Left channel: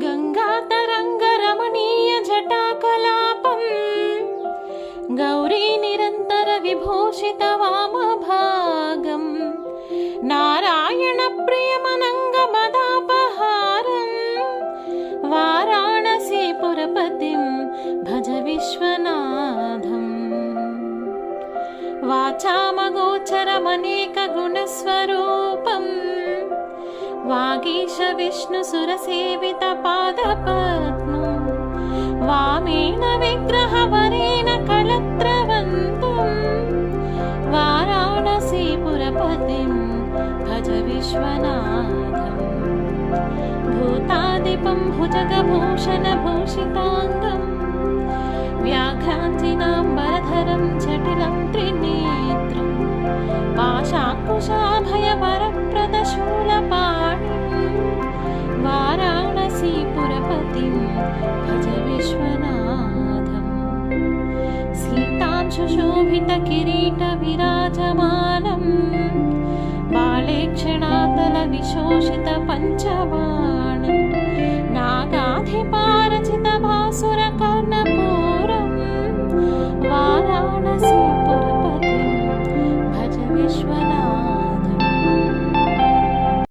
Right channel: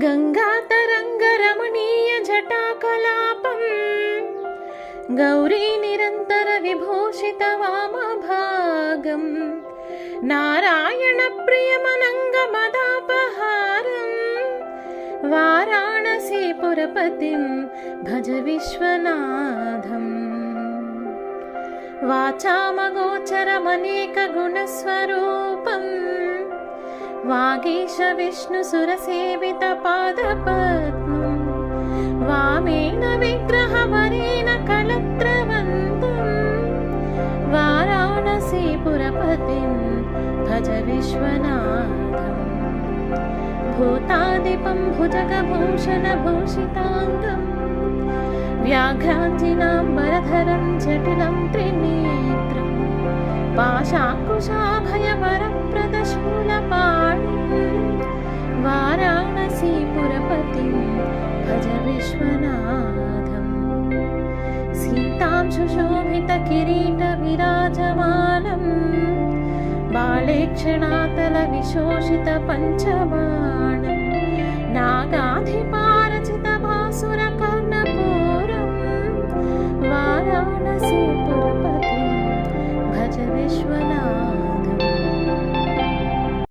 गङ्गातरङ्गरमणीयजटाकलापम् गौरीनिरन्तरविभूषितवामभागम् नारायणप्रियमनङ्गमदापहारम् वाराणसीपुरपतिं भज विश्वनाथम् वाचामगोचरमनेकगुणस्वरूपम् वागीश विष्णुसुरसेवितपादपद्मम् वामेन विग्रहवरेण कलत्रवन्तम् वाराणसीपुरपतिं भज विश्वनाथम् भूतादिपं भुजगभूषणभूषिताङ्गम् व्याघ्राञ्जिनाम्बरधरं जटिलं त्रिनेत्रम् पाशाकुशाभयवरप्रदशूलपाणिम् वाराणसीपुरपतिं भज विश्वनाथम्। सीतां सुशोभितकिरीटविराजमानम् बालेक्षणातलविशोषितपञ्चबाणम् नागाधिपारचितभासुरकर